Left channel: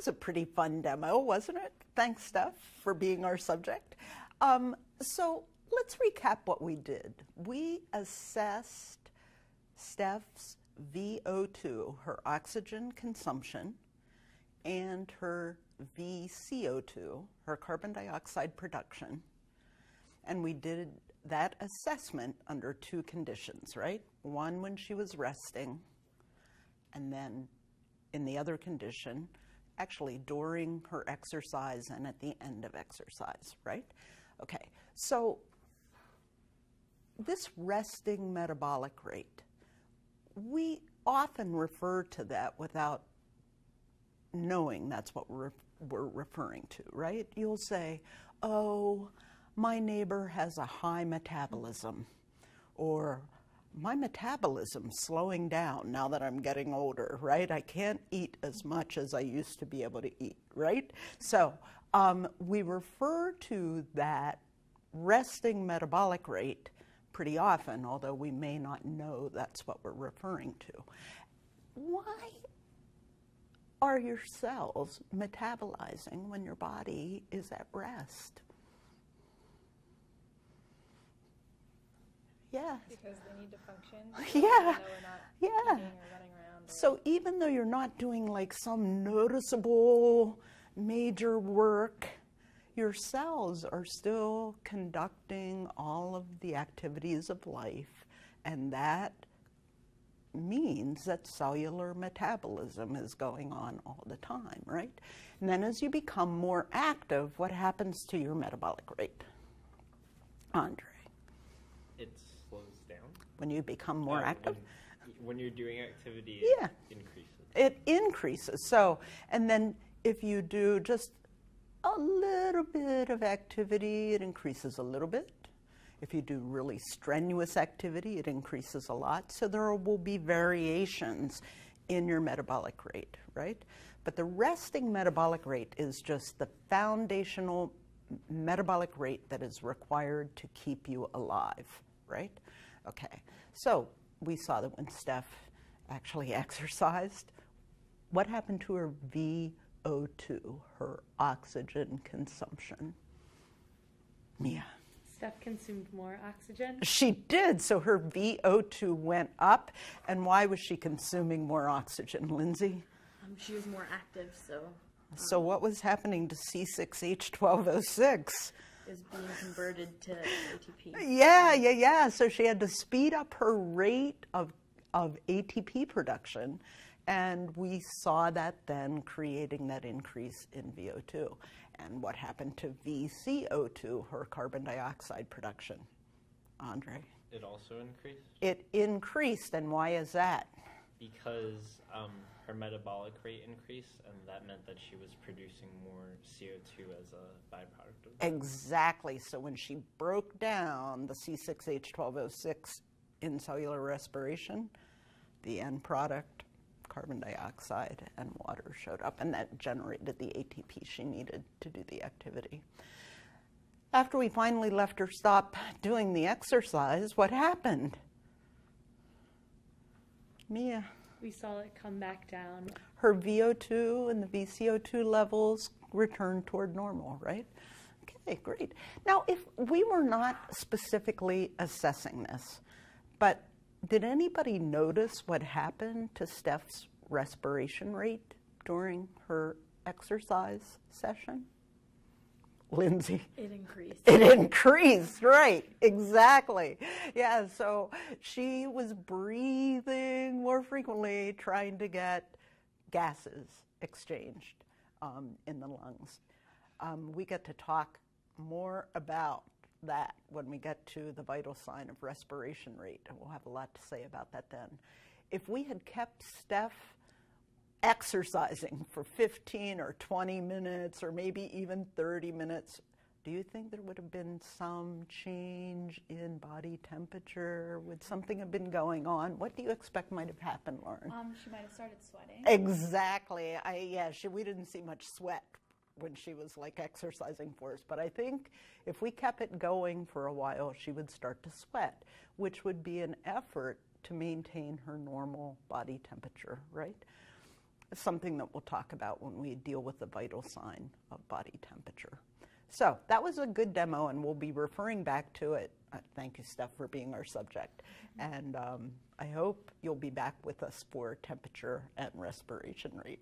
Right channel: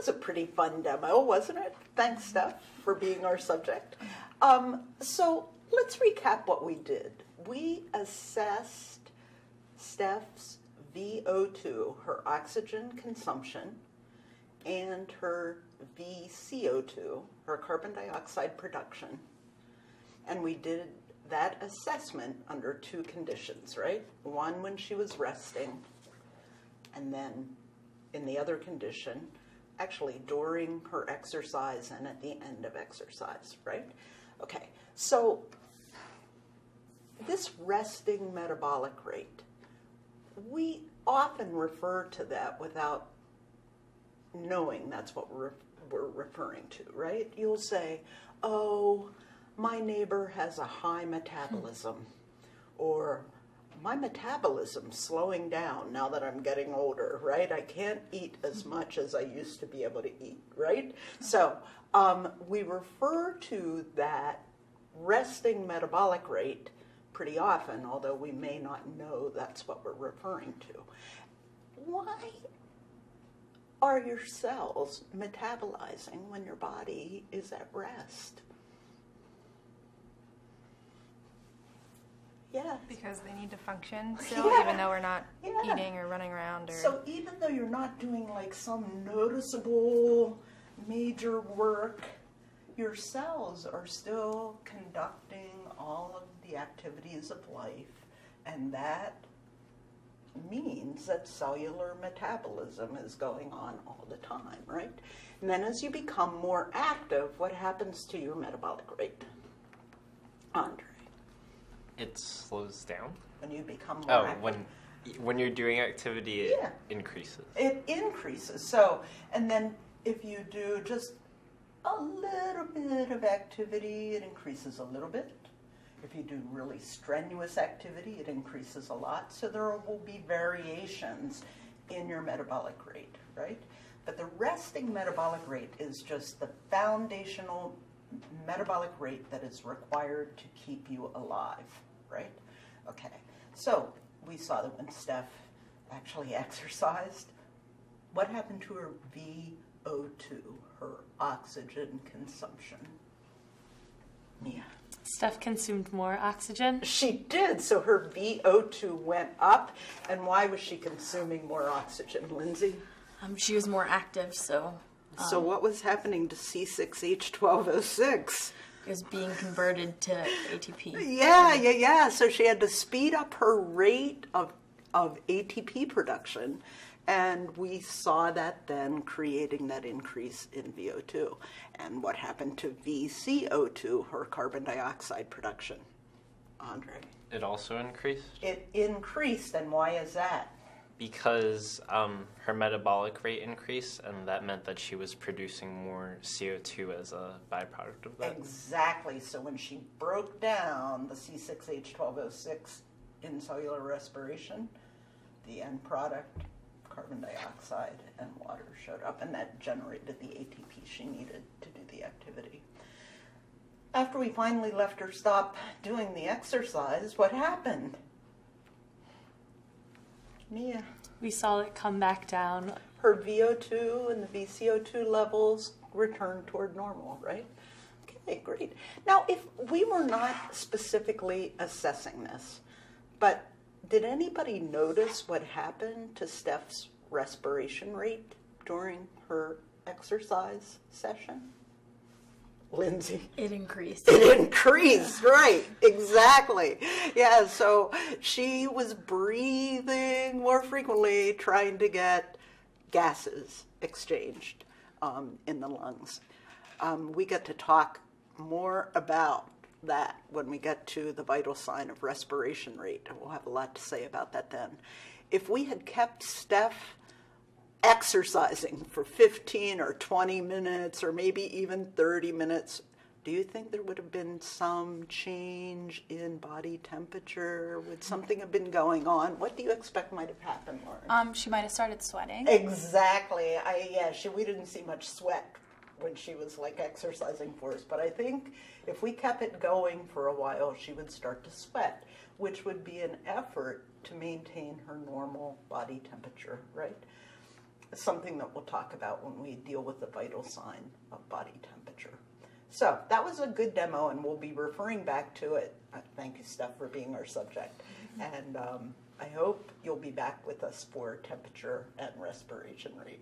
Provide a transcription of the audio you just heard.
was a pretty fun demo, wasn't it? Thanks, Steph, for being our subject. So let's recap what we did. We assessed Steph's VO2, her oxygen consumption, and her VCO2, her carbon dioxide production. And we did that assessment under two conditions, right? One when she was resting, and then in the other condition, actually during her exercise and at the end of exercise, right? Okay, so this resting metabolic rate, we often refer to that without knowing that's what we're referring to, right? You'll say, oh, my neighbor has a high metabolism, or my metabolism's slowing down now that I'm getting older, right? I can't eat as much as I used to be able to eat, right? So we refer to that resting metabolic rate pretty often, although we may not know that's what we're referring to. Why are your cells metabolizing when your body is at rest? Yes. Because they need to function still, even though we're not eating or running around. Or... So even though you're not doing like some noticeable major work, your cells are still conducting all of the activities of life, and that means that cellular metabolism is going on all the time, right? And then as you become more active, what happens to your metabolic rate? Andre? It slows down. When you become more active? When you're doing activity, it increases. It increases. So, and then if you do just a little bit of activity, it increases a little bit. If you do really strenuous activity, it increases a lot. So there will be variations in your metabolic rate, right? But the resting metabolic rate is just the foundational metabolic rate that is required to keep you alive, right? Okay, so we saw that when Steph actually exercised, what happened to her VO2, her oxygen consumption? Mia? Steph consumed more oxygen. She did, so her VO2 went up. And why was she consuming more oxygen, Lindsay? She was more active, so... So what was happening to C6H12O6? It was being converted to ATP. Yeah. So she had to speed up her rate of ATP production, and we saw that then creating that increase in VO2. And what happened to VCO2, her carbon dioxide production? Andre? It also increased? It increased, and why is that? Because her metabolic rate increased, and that meant that she was producing more CO2 as a byproduct of that. Exactly. So when she broke down the C6H12O6 in cellular respiration, the end product, carbon dioxide and water, showed up, and that generated the ATP she needed to do the activity. After we finally left her stop doing the exercise, what happened? Mia? We saw it come back down. Her VO2 and the VCO2 levels returned toward normal, right? Okay, great. Now, if we were not specifically assessing this, but did anybody notice what happened to Steph's respiration rate during her exercise session? Lindsay? It increased. It increased, right, exactly. Yeah, so she was breathing more frequently, trying to get gases exchanged in the lungs. We get to talk more about that when we get to the vital sign of respiration rate, and we'll have a lot to say about that then. If we had kept Steph exercising for 15 or 20 minutes or maybe even 30 minutes, do you think there would have been some change in body temperature? Would something have been going on? What do you expect might have happened, Lauren? She might have started sweating. Exactly. We didn't see much sweat when she was like exercising for us, but I think if we kept it going for a while, she would start to sweat, which would be an effort to maintain her normal body temperature, right? something that we'll talk about when we deal with the vital sign of body temperature. So that was a good demo, and we'll be referring back to it. Thank you, Steph, for being our subject. And I hope you'll be back with us for temperature and respiration rate.